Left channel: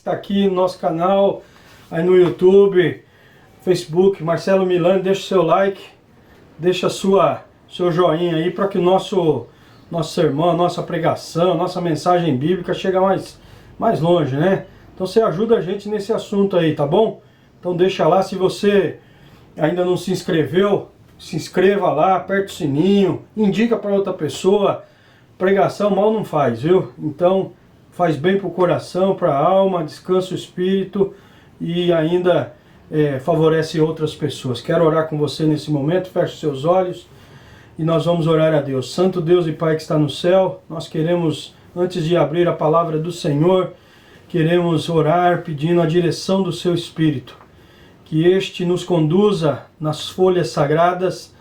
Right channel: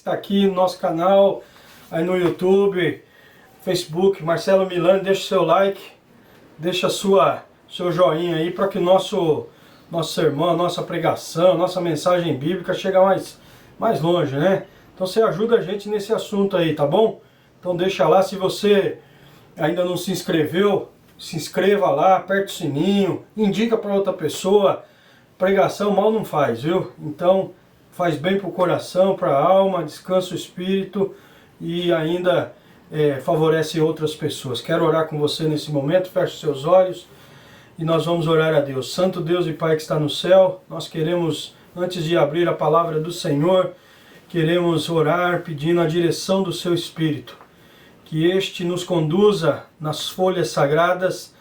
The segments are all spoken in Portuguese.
está aqui no nosso canal, aí no YouTube, Facebook, Marcelo Milani, deixa o seu like, deixa seu joinha aí para que o nosso sermão, nossa pregação, nossa mensagem bíblica chegue mais longe, né? Então você ajuda a gente nesse assunto aí, tá bom? Então deixa lá, se você ainda não se inscreveu, se inscreva lá, aperta o sininho, indica para outra pessoa. Pregação mal não faz, viu? Então faz bem para o coração, para a alma, descansa o espírito e ainda favorece outras pessoas. Quero orar com você nesse momento, feche os seus olhos e nós vamos orar a Deus. Santo Deus e Pai que está no céu, nós queremos, antes de abrir a palavra do Senhor, queremos orar pedindo a direção do seu Espírito. Que este nos conduza nas folhas sagradas,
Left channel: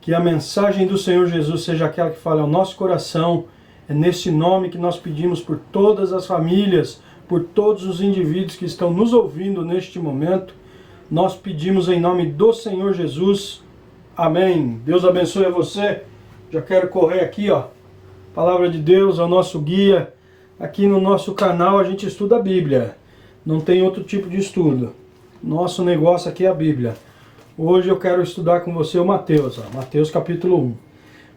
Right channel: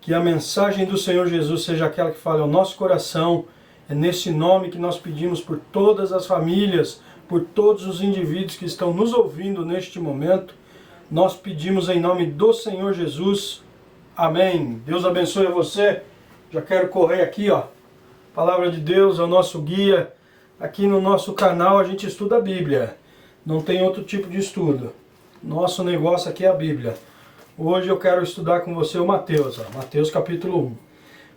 que a mensagem do Senhor Jesus seja aquela que fale ao nosso coração. É nesse nome que nós pedimos por todas as famílias, por todos os indivíduos que estão nos ouvindo neste momento. Nós pedimos em nome do Senhor Jesus. Amém. Deus abençoe a você. Já quero correr aqui, ó. Palavra de Deus é o nosso guia. Aqui no nosso canal a gente estuda a Bíblia. Não tem outro tipo de estudo. Nosso negócio aqui é a Bíblia. Hoje eu quero estudar com você o Mateus. Mateus capítulo 1.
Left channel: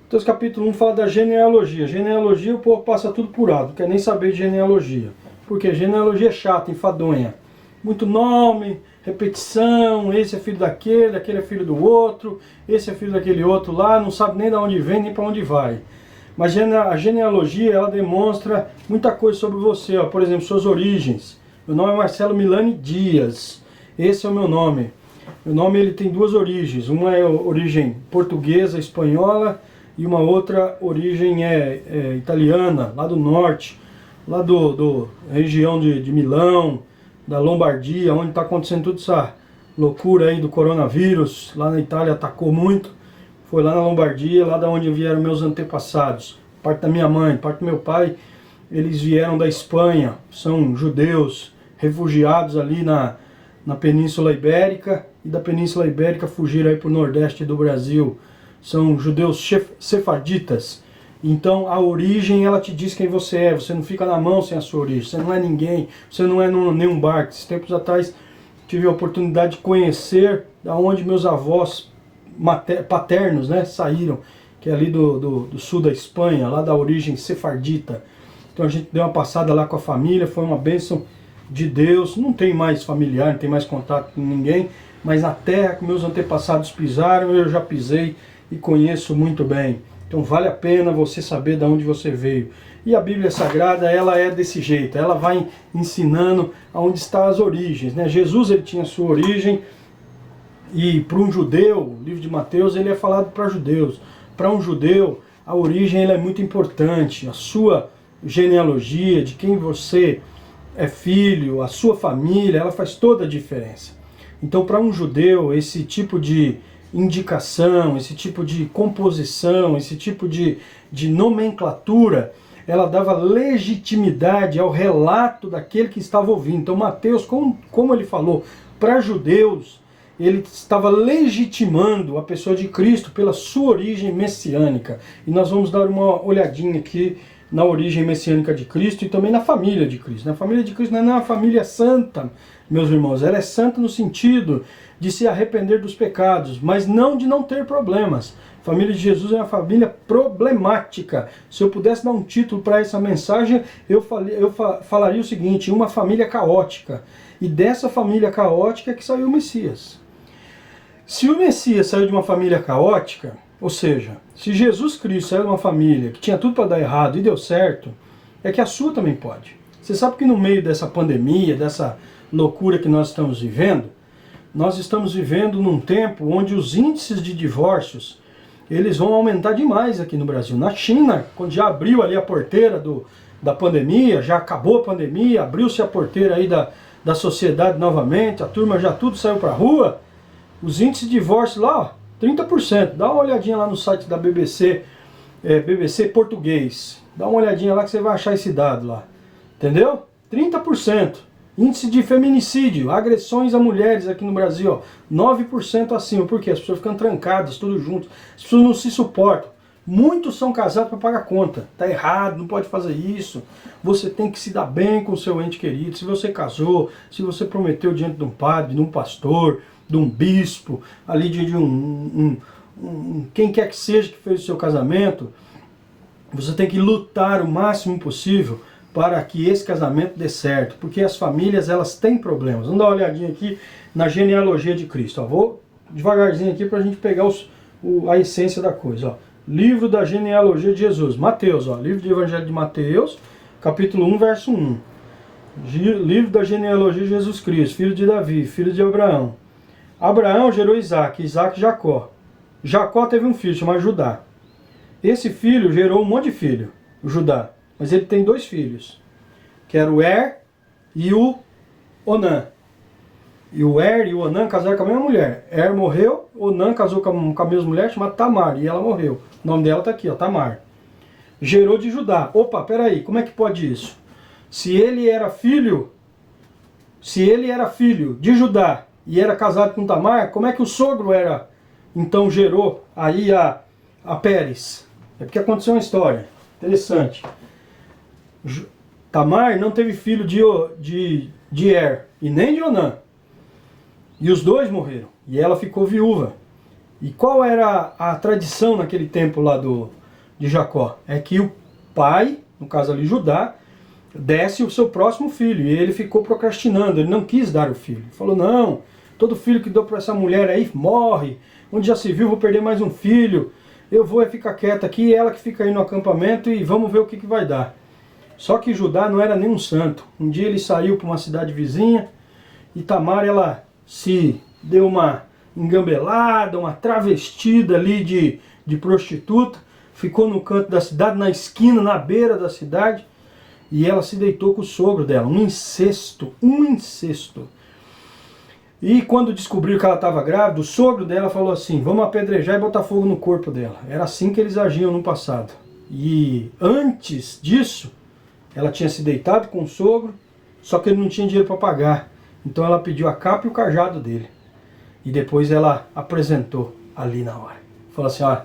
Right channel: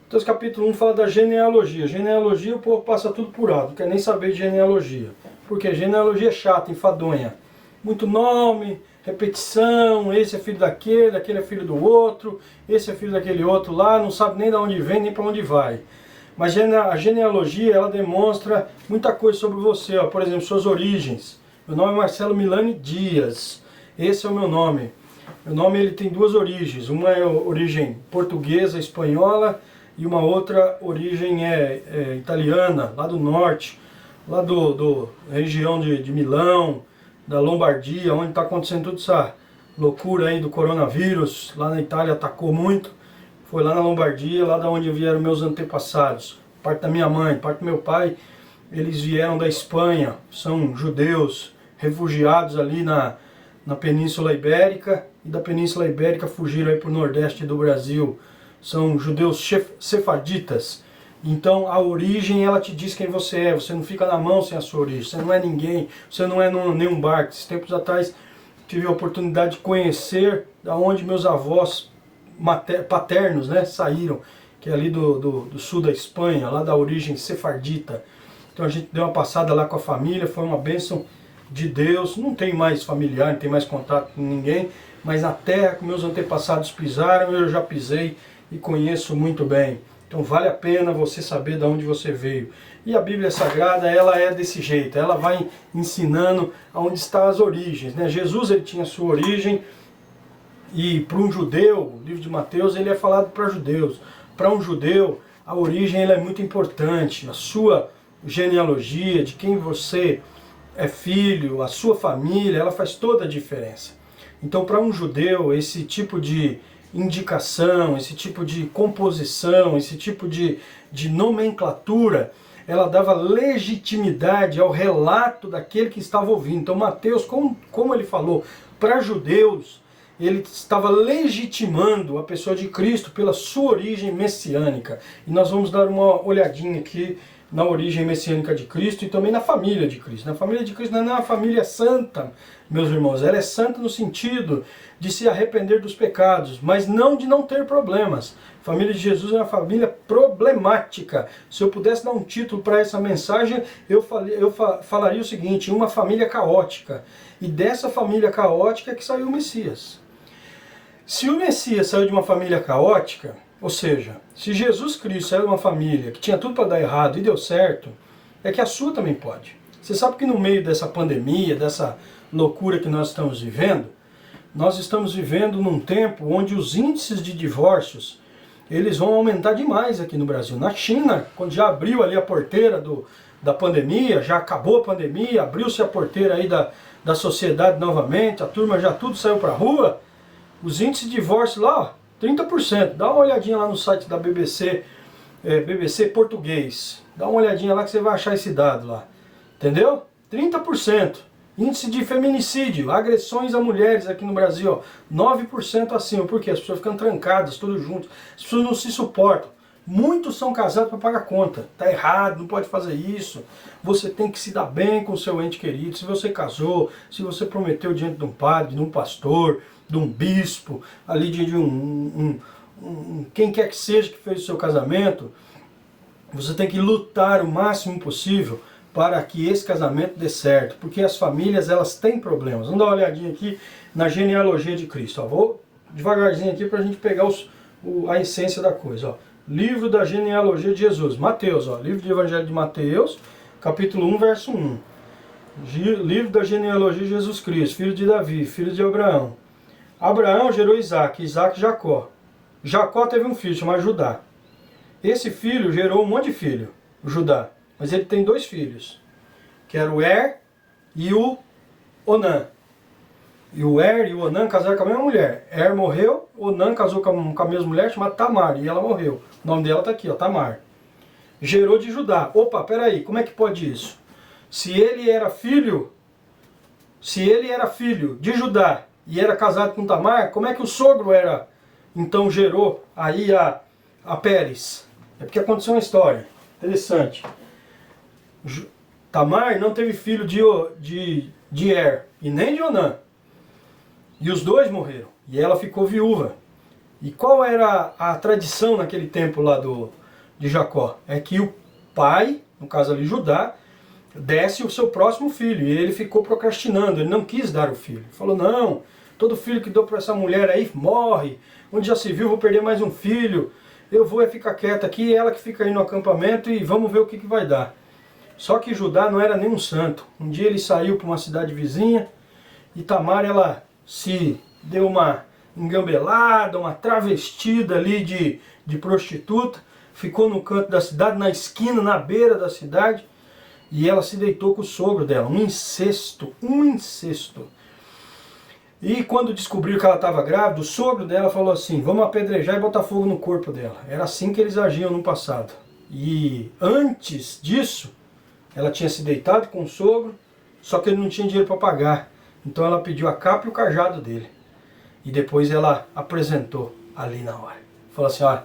Mateus capítulo 1 fala da genealogia. Genealogia o povo passa tudo por alto. Não quer nem saber de genealogia. Porque genealogia é chata, enfadonha. Muito nome, repetição. Esse é filho daquele, aquele é filho do outro. Esse é filho daquele outro lá. Não sabe nem de onde vem, nem para onde vai. Mas a genealogia, ela demonstra muita coisa sobre você. Ó. Por exemplo, suas origens. Meu nome é Marcelo Milani Dias. Esse é o meu nome. Meu nome ele tem duas origens. Uma é a origem portuguesa, espanhola, e uma outra origem italiana, lá do norte, lá do região de Milão, da Lombardia, onde está acontecendo toda essa loucura aí do coronavírus. Lá na Itália atacou muito. Foi lá na Lombardia, lá da onde vieram meus antepassados. Parte da minha mãe, parte do meu pai, eles vieram da Espanha, são judeus, refugiados ali na Península Ibérica, e da Península Ibérica fugiram aí para o nordeste do Brasil. São judeus sefarditas. Então a origem, ela te diz quem você é. Você não fica na mão sem a sua origem. Você não é ninguém, você não é nenhum barco. Esses tempos atrás tive a oportunidade de conhecer da onde meus avós paternos, né, saíram, que é ali do sul da Espanha, lá da origem sefardita. Então a gente deu uma passada lá com a família, foi uma bênção de Deus. Não tem mais familiar, não tem mais contato com ninguém, mas a terra que meus antepassados pisaram, eu já pisei e conheço muito bem. Então vale a pena você saber de onde você veio. E a Bíblia Sagrada, ela é desse jeito, ela vai ensinando aonde estão as origens, né? Jesus, ele tinha sua origem, e para um judeu, o livro de Mateus, ele é falado para judeus. Para um judeu, a origem ela é muito importante, a sua genealogia, de quem você é filho, a sua família, ela faz toda a diferença. Então, para um judeu, esse tipo de indicação, esse tipo de composição, esse tipo de nomenclatura, ela dava legitimidade ao relato daquele que estava ouvindo. Então, Mateus, como ele falou, para judeus, ele estava legitimando a pessoa de Cristo pela sua origem messiânica. E nós vamos dar uma olhadinha aqui na origem messiânica de Cristo e também na família de Cristo. Na família de Cristo não é uma família santa, meus irmãos. Ela é santa no sentido de se arrepender dos pecados, mas não de não ter problemas. A família de Jesus é uma família problemática. Se eu pudesse dar um título para essa mensagem, eu falaria o seguinte: uma família caótica. E dessa família caótica é que saiu o Messias. Se o Messias saiu de uma família caótica, ou seja, se Jesus Cristo saiu de uma família que tinha tudo para dar errado e deu certo, é que a sua também pode. Você sabe que no meio dessa pandemia, dessa loucura que nós estamos vivendo, nós estamos vivendo num tempo onde os índices de divórcios, eles vão aumentar demais aqui no Brasil. Na China, quando já abriu ali a porteira da pandemia, já acabou a pandemia, abriu-se a porteira aí da sociedade novamente, a turma já tudo saiu para a rua, os índices de divórcio lá, ó, 30%. Dá uma olhadinha lá no site da BBC, BBC Português. Dá uma olhadinha lá que você vai achar esse dado lá. Entendeu? 30%. Índice de feminicídio, agressões a mulheres aqui no Brasil, ó, 9% acima. Por quê? As pessoas ficam trancadas, todos juntos. As pessoas não se suportam. Muitos são casados para pagar conta. Está errado, não pode fazer isso. Você tem que se dar bem com o seu ente querido. Se você casou, se você prometeu diante de um padre, de um pastor, de um bispo, ali de quem quer que seja que fez o seu casamento, você tem que lutar o máximo possível para que esse casamento dê certo. Porque as famílias, elas têm problemas. Vamos dar uma olhadinha aqui na genealogia de Cristo. Ó, vou devagarzinho aqui para a gente pegar a essência da coisa. Ó. Livro da genealogia de Jesus. Mateus, ó, livro do Evangelho de Mateus, capítulo 1, verso 1. Livro da genealogia de Jesus Cristo, filho de Davi, filho de Abraão. Abraão gerou Isaac, Isaac Jacó. Jacó teve um filho chamado Judá. Esse filho gerou um monte de filho, o Judá. Mas ele tem 2 filhos, que era o e o Onã. E o e o Onã casaram com a mesma mulher. Morreu, Onã casou com a mesma mulher chamada Tamar, e ela morreu. O nome dela está aqui, ó, Tamar. Gerou de Judá. Opa, peraí, como é que pode isso? Se ele era filho de Judá e era casado com Tamar, como é que o sogro era, então gerou aí a Pérez? É porque aconteceu uma história interessante. Tamar não teve filho de e nem de Onã. E os 2 morreram. E ela ficou viúva. E qual era a tradição naquele tempo lá de Jacó? É que o pai, no caso ali Judá, desse o seu próximo filho. E ele ficou procrastinando, ele não quis dar o filho. Ele falou, não, todo filho que dou para essa mulher aí morre. Onde já se viu, vou perder mais um filho. Eu vou ficar quieta aqui, e ela que fica aí no acampamento e vamos ver o que vai dar. Só que Judá não era nem um santo. Um dia ele saiu para uma cidade vizinha e Tamar, ela se deu uma engambelada, uma travestida ali de prostituta, ficou no canto da cidade, na esquina, na beira da cidade, e ela se deitou com o sogro dela, um incesto. E quando descobriu que ela estava grávida, o sogro dela falou assim, vamos apedrejar e botar fogo no corpo dela. Era assim que eles agiam no passado. E antes disso, ela tinha se deitado com o sogro, só que ele não tinha dinheiro para pagar. Então ela pediu a capa e o cajado dele. E depois ela apresentou ali na hora. Falou assim, ó,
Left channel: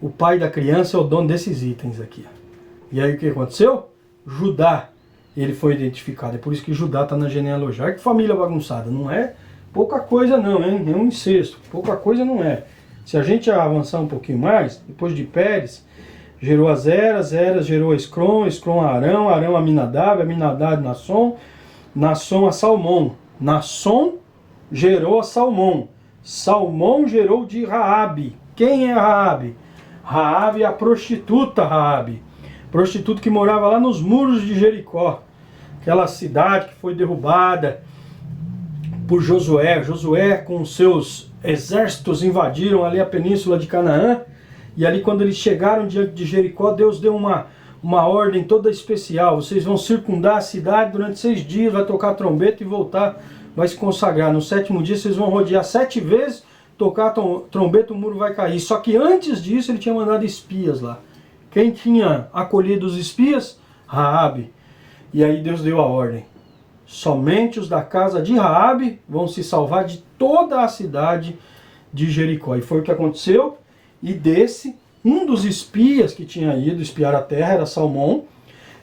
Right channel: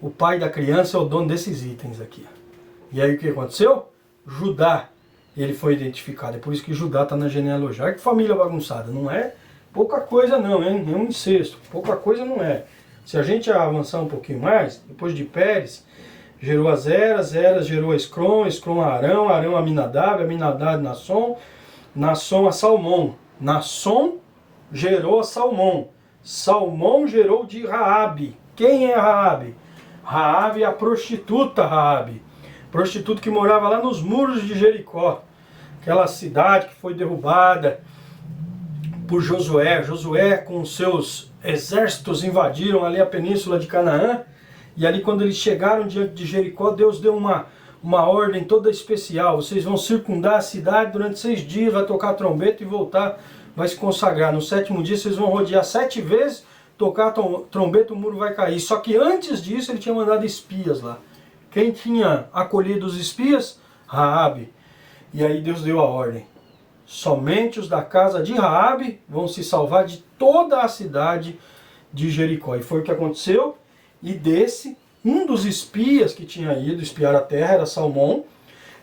o pai da criança é o dono desses itens aqui. E aí o que aconteceu? Judá, ele foi identificado. É por isso que Judá está na genealogia. Olha que família bagunçada, não é pouca coisa não, hein? É um incesto. Pouca coisa não é. Se a gente avançar um pouquinho mais, depois de Pérez, gerou a Zera, Zera gerou a Escrom, Escrom a Arão, Arão a Aminadab, Aminadab a Nasson, Nasson a Salmão. Nasson gerou a Salmão. Salmão gerou de Raabe. Quem é Raabe? Raabe é a prostituta Raabe. Prostituta que morava lá nos muros de Jericó. Aquela cidade que foi derrubada por Josué. Josué com seus exércitos invadiram ali a península de Canaã. E ali quando eles chegaram diante de Jericó, Deus deu uma ordem toda especial. Vocês vão circundar a cidade durante 6 dias, vai tocar trombeta e voltar, vai se consagrar. No 7º dia vocês vão rodear 7 vezes, tocar trombeta, o muro vai cair. Só que antes disso ele tinha mandado espias lá. Quem tinha acolhido os espias? Raabe. E aí Deus deu a ordem. Somente os da casa de Raabe vão se salvar de toda a cidade de Jericó. E foi o que aconteceu. E um dos espias que tinha ido espiar a terra era Salmão.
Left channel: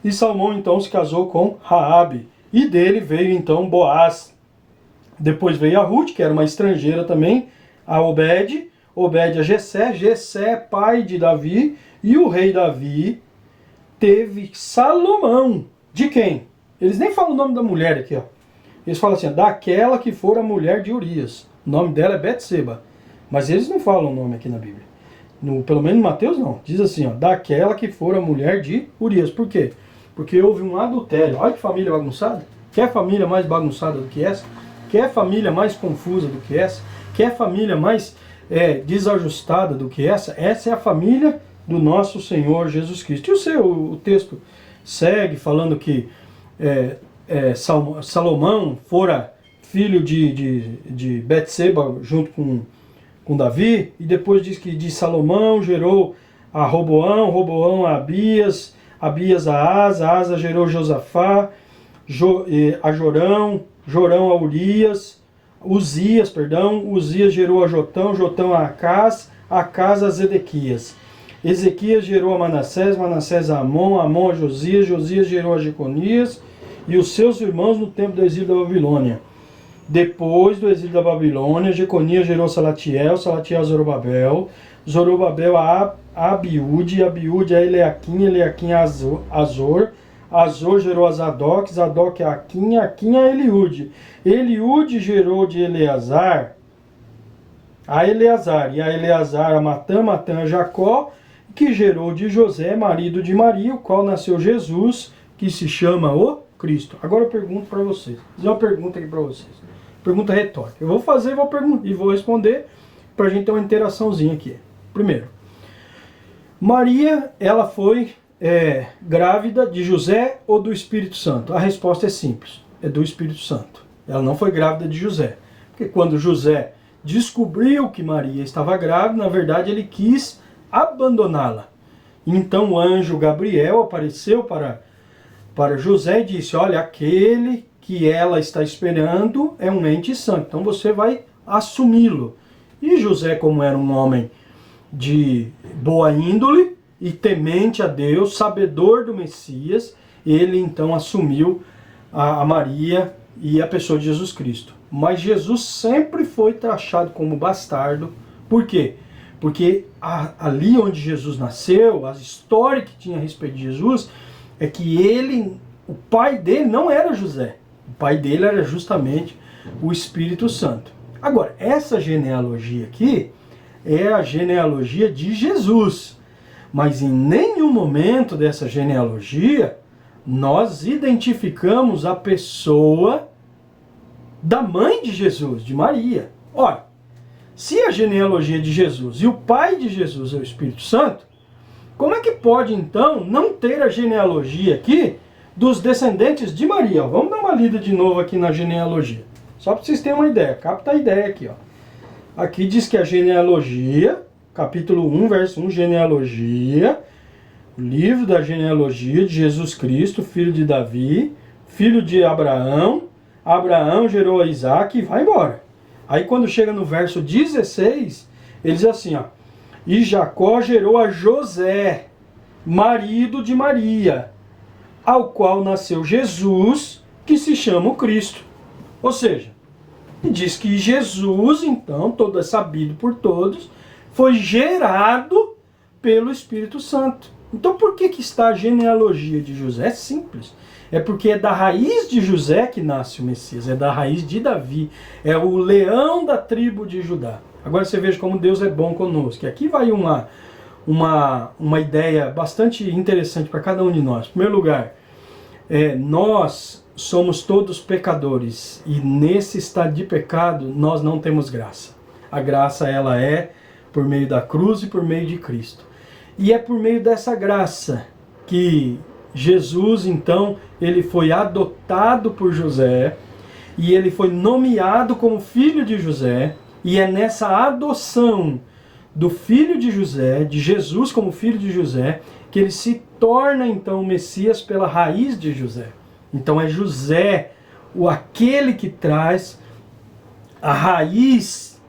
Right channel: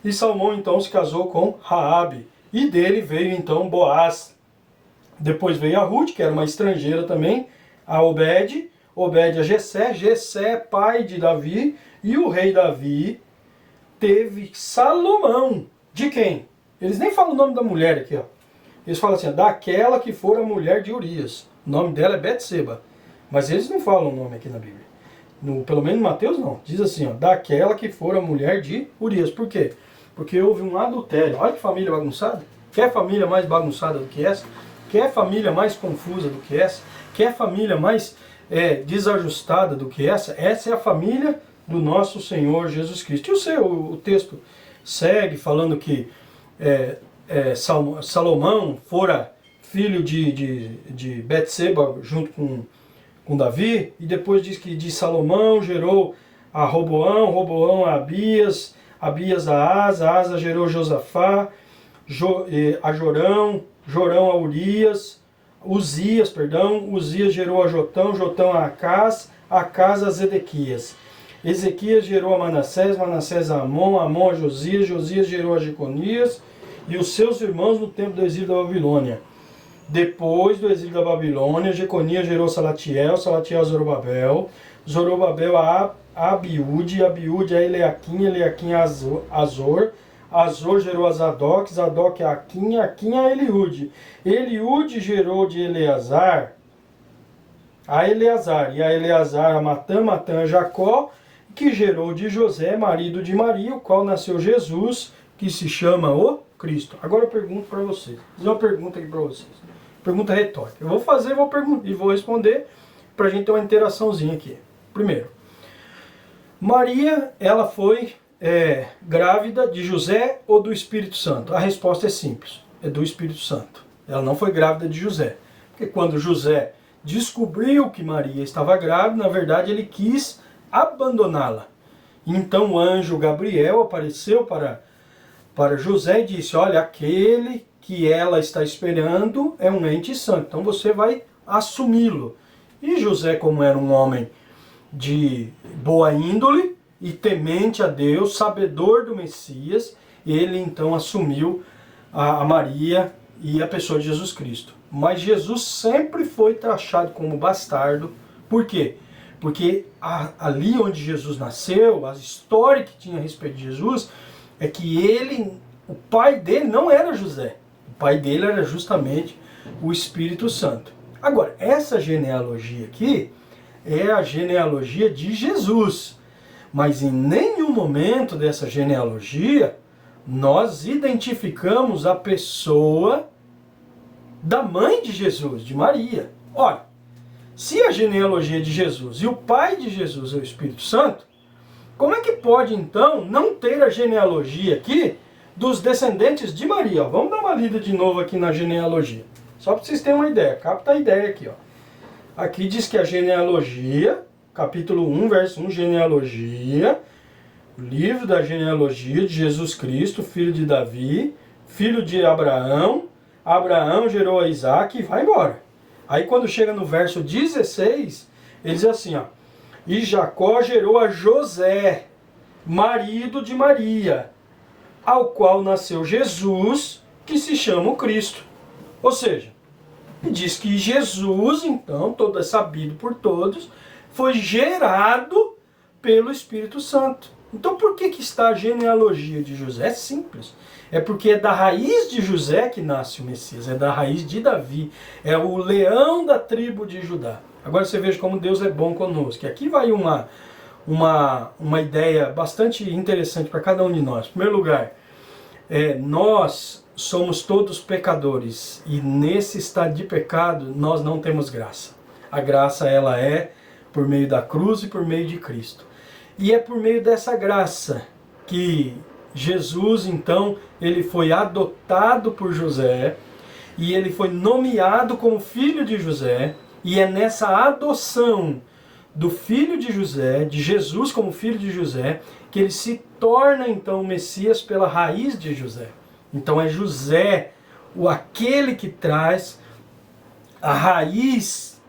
E Salmão então se casou com Raabe. E dele veio então Boaz. Depois veio a Ruth, que era uma estrangeira também, a Obed. Obed a Jessé. Jessé, pai de Davi. E o rei Davi teve Salomão. De quem? Eles nem falam o nome da mulher aqui, ó. Eles falam assim, ó, daquela que for a mulher de Urias. O nome dela é Betseba. Mas eles não falam o nome aqui na Bíblia. Pelo menos em Mateus não. Diz assim, ó, daquela que for a mulher de Urias. Por quê? Porque houve um adultério. Olha que família bagunçada. Quer família mais bagunçada do que essa? Quer família mais confusa do que essa? Quer família mais desajustada do que essa? Essa é a família do nosso Senhor Jesus Cristo. E o texto segue falando que Salomão fora filho de Betseba junto com Davi, e depois diz que de Salomão gerou a Roboão, Roboão a Abias, Abias a Asa gerou Josafá, a Jorão, Jorão a Uzias gerou a Jotão, Jotão a Acás a Zedequias. Ezequias gerou a Manassés, Manassés a Amon, Amon a Josias, Josias gerou a Jeconias e os seus irmãos no tempo do exílio da Babilônia. Depois do exílio da Babilônia, Jeconias gerou Salatiel, Salatiel a Zorobabel, Zorobabel a Abiúde, Abiúde a Eleaquim, Eleaquim a Azor, Azor gerou a Zadok, Zadok a Aquim, Aquim a Eliúde. Eliúde gerou de Eleazar a Eleazar, e a Eleazar a Matã, Matã a Jacó, que gerou de José, marido de Maria, o qual nasceu Jesus, que se chama o Cristo. Agora eu pergunto para vocês, vou fazer uma pergunta aqui para vocês, pergunta retórica. Eu vou fazer, e vou responder para a gente ter uma interaçãozinha aqui. Primeiro, Maria, ela foi grávida de José ou do Espírito Santo? A resposta é simples, é do Espírito Santo. Ela não foi grávida de José, porque quando José descobriu que Maria estava grávida, na verdade ele quis abandoná-la. Então o anjo Gabriel apareceu para José e disse: olha, aquele que ela está esperando é um ente santo, então você vai assumi-lo. E José, como era um homem de boa índole e temente a Deus, sabedor do Messias, ele então assumiu a Maria e a pessoa de Jesus Cristo. Mas Jesus sempre foi taxado como bastardo. Por quê? Porque ali onde Jesus nasceu, a história que tinha a respeito de Jesus, é que o pai dele não era José. O pai dele era justamente o Espírito Santo. Agora, essa genealogia aqui é a genealogia de Jesus. Mas em nenhum momento dessa genealogia nós identificamos a pessoa da mãe de Jesus, de Maria. Ora, se a genealogia de Jesus e o pai de Jesus é o Espírito Santo, como é que pode então não ter a genealogia aqui dos descendentes de Maria? Vamos dar uma lida de novo aqui na genealogia, só para vocês terem uma ideia, capta a ideia aqui. Aqui diz que a genealogia, capítulo 1, verso 1, genealogia, o livro da genealogia de Jesus Cristo, filho de Davi, filho de Abraão. Abraão gerou a Isaac e vai embora. Aí quando chega no verso 16, ele diz assim, e Jacó gerou a José, marido de Maria, ao qual nasceu Jesus, que se chama o Cristo. Ou seja, diz que Jesus, então, todo é sabido por todos, foi gerado pelo Espírito Santo. Então por que está a genealogia de José? É simples. É porque é da raiz de José que nasce o Messias, é da raiz de Davi, é o leão da tribo de Judá. Agora você veja como Deus é bom conosco. E aqui vai uma ideia bastante interessante para cada um de nós. Em primeiro lugar, nós somos todos pecadores e nesse estado de pecado nós não temos graça. A graça ela é por meio da cruz e por meio de Cristo. E é por meio dessa graça que Jesus, então, ele foi adotado por José e ele foi nomeado como filho de José, e é nessa adoção do filho de José, de Jesus como filho de José, que ele se torna, então, o Messias pela raiz de José. Então é José aquele que traz a raiz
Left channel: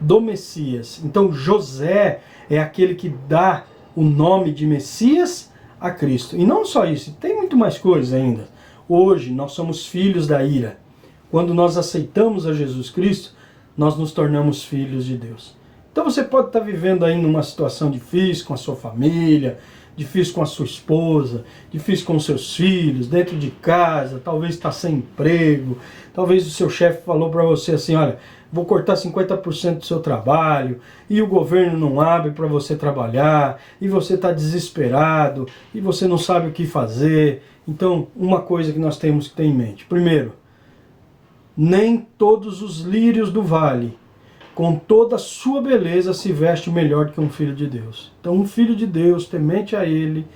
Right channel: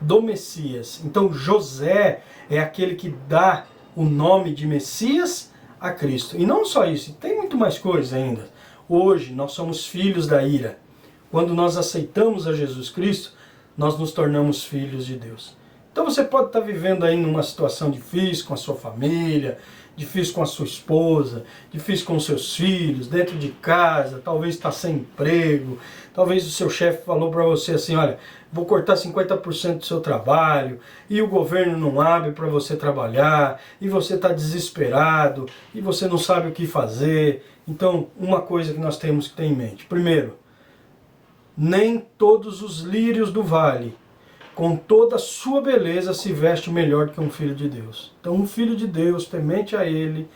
do Messias. Então José é aquele que dá o nome de Messias a Cristo. E não só isso, tem muito mais coisa ainda. Hoje nós somos filhos da ira. Quando nós aceitamos a Jesus Cristo, nós nos tornamos filhos de Deus. Então você pode estar vivendo aí numa situação difícil com a sua família, difícil com a sua esposa, difícil com os seus filhos, dentro de casa, talvez está sem emprego, talvez o seu chefe falou para você assim, olha, vou cortar 50% do seu trabalho, e o governo não abre para você trabalhar, e você está desesperado, e você não sabe o que fazer. Então, uma coisa que nós temos que ter em mente. Primeiro, nem todos os lírios do vale, com toda a sua beleza, se veste melhor do que um filho de Deus. Então, um filho de Deus, temente a Ele,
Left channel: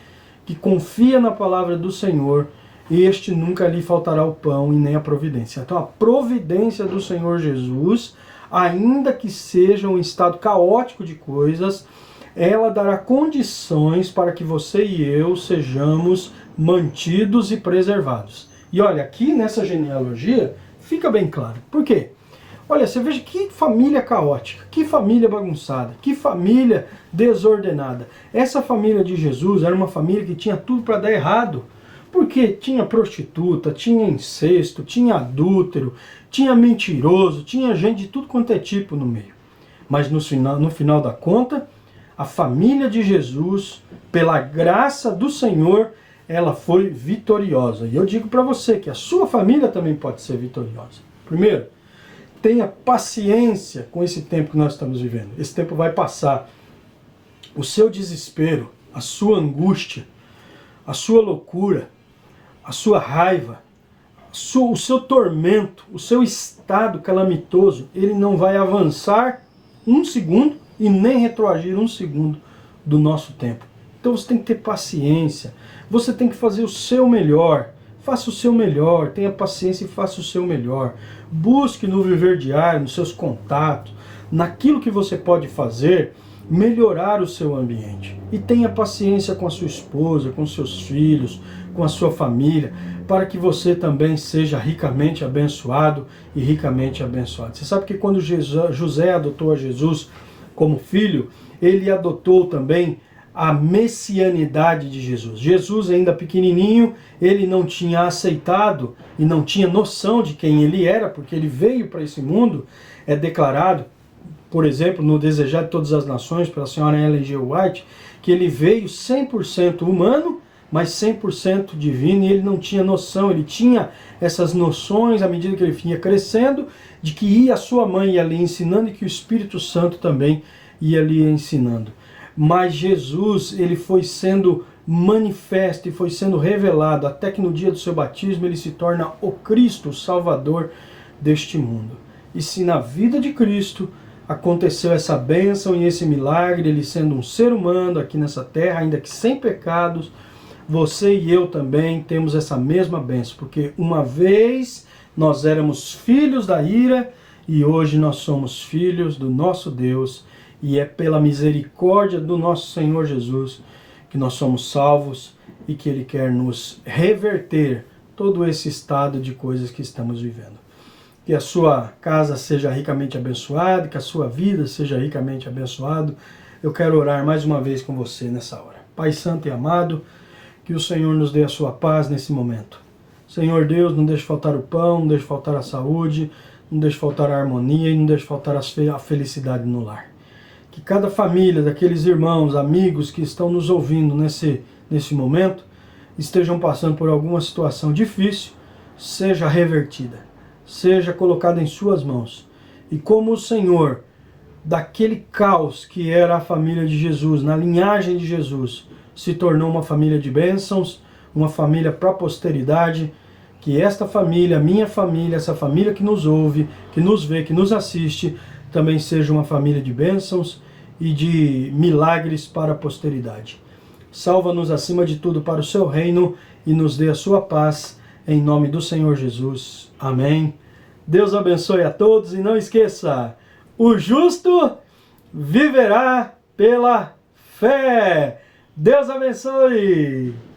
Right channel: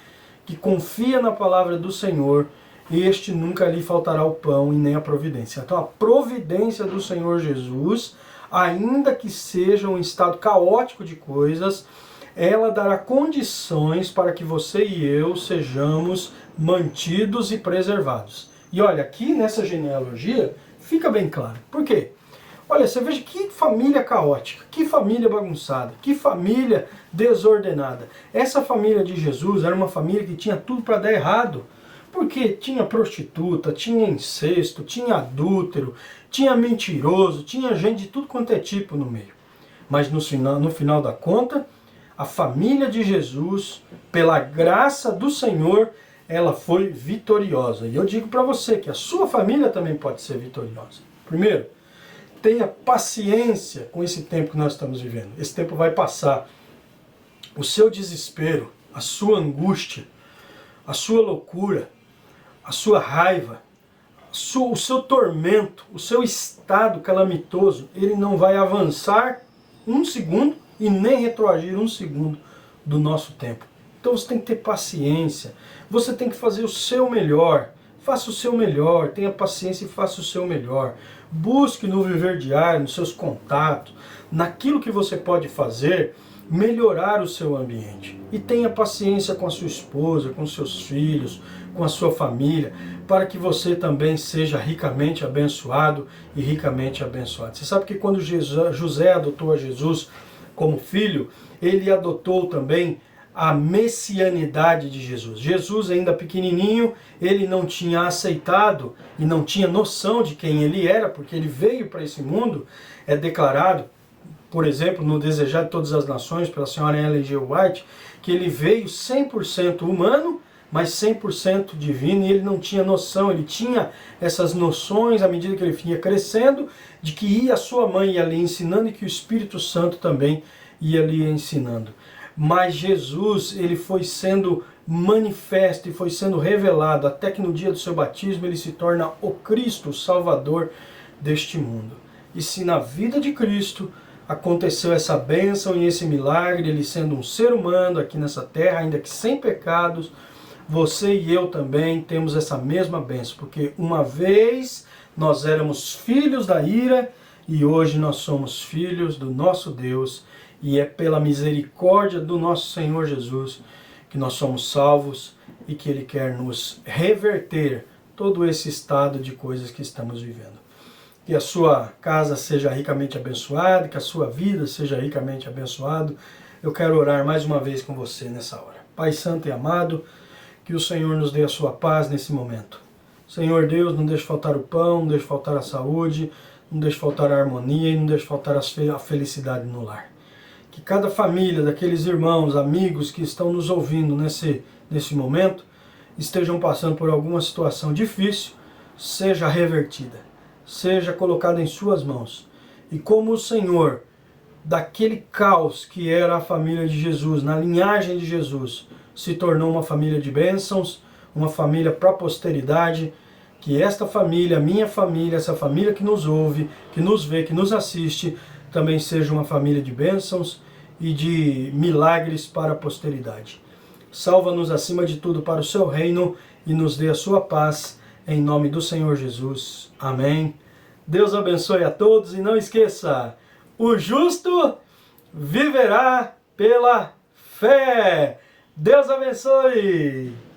que confia na palavra do Senhor, este nunca lhe faltará o pão e nem a providência. Então, a providência do Senhor Jesus, ainda que seja um estado caótico de coisas, ela dará condições para que você e eu sejamos mantidos e preservados. E olha, aqui nessa genealogia, fica bem claro. Por quê? Olha, você veja que família caótica, que família bagunçada, que família desordenada. Essa família de Jesus era uma família que tinha tudo para dar errado. Porque tinha prostituta, tinha incesto, tinha adúltero, tinha mentiroso, tinha gente de tudo quanto é tipo no meio. Mas no final da conta, a família de Jesus, pela graça do Senhor, ela foi vitoriosa. E eu digo para você que a sua família também pode ser vitoriosa. Primeiro, tenha paciência com esse tempo que nós estamos vivendo. Esse tempo vai passar. O seu desespero, a sua angústia, a sua loucura, a sua raiva, o seu tormento, o seu estado calamitoso, ele não vai avançar um segundo e nem retroagir um segundo do nosso tempo. Então você tem que ter paciência, você tem que fazer o seu melhor, faça o seu melhor, tenha paciência e faça o seu melhor. Busque no viver diário, nos seus contatos, naquilo que você pode fazer, melhorar o seu ambiente. E tenha paciência com a sua esposa, com seus filhos, com a sua família, para que você também seja ricamente abençoado e ricamente abençoado. Você sabe que quando José adotou a Jesus como filho, ele adotou também a messianidade de Jesus. Jesus, ainda pequenininho, ele não tinha aceitado e não tinha noção de quem ele era, porque ele veio para esse mundo, é declarado, por exemplo, no Desejar de Todas as Nações, pela senhora Ellen G. White, que ele veio 100% humano, mas 100% divino, e ele não tinha noção, ele tinha essas noções à medida que ele vinha crescendo, de que a sua mãe ia ali ensinando e que o Espírito Santo também ia ali ensinando. Mas Jesus, ele foi sendo manifesto e foi sendo revelado, até que no dia do seu batismo ele se torna o Cristo, o Salvador deste mundo. E se na vida de Cristo aconteceu essa bênção e esse milagre, ele sendo um ser humano aqui nessa terra, ainda que sem pecados, você e eu também temos essa mesma bênção, porque uma vez nós éramos filhos da ira e hoje nós somos filhos do nosso Deus, e é pela misericórdia do nosso Senhor Jesus que nós somos salvos e que Ele quer nos reverter todo esse estado de coisas que estamos vivendo. Que a sua casa seja ricamente abençoada, que a sua vida seja ricamente abençoada. Eu quero orar mais uma vez com você nessa hora. Pai Santo e amado, que o Senhor nos dê a sua paz nesse momento. Senhor Deus, não deixe faltar o pão, não deixe faltar a saúde, não deixe faltar a harmonia e não deixe faltar a felicidade no lar. Que cada família, daqueles irmãos, amigos que estão nos ouvindo nesse momento, estejam passando por alguma situação difícil, seja revertida, seja colocada em suas mãos. E como o Senhor, daquele caos que era a família de Jesus, na linhagem de Jesus, se tornou uma família de bênçãos, uma família para a posteridade, que esta família, minha família, essa família que nos ouve, que nos vê, que nos assiste, também seja uma família de bênçãos e de milagres para a posteridade. Salva-nos acima de tudo para o seu reino e nos dê a sua paz, em nome do Senhor Jesus. Amém. Deus abençoe a todos e não esqueça, o justo viverá pela fé. Deus abençoe!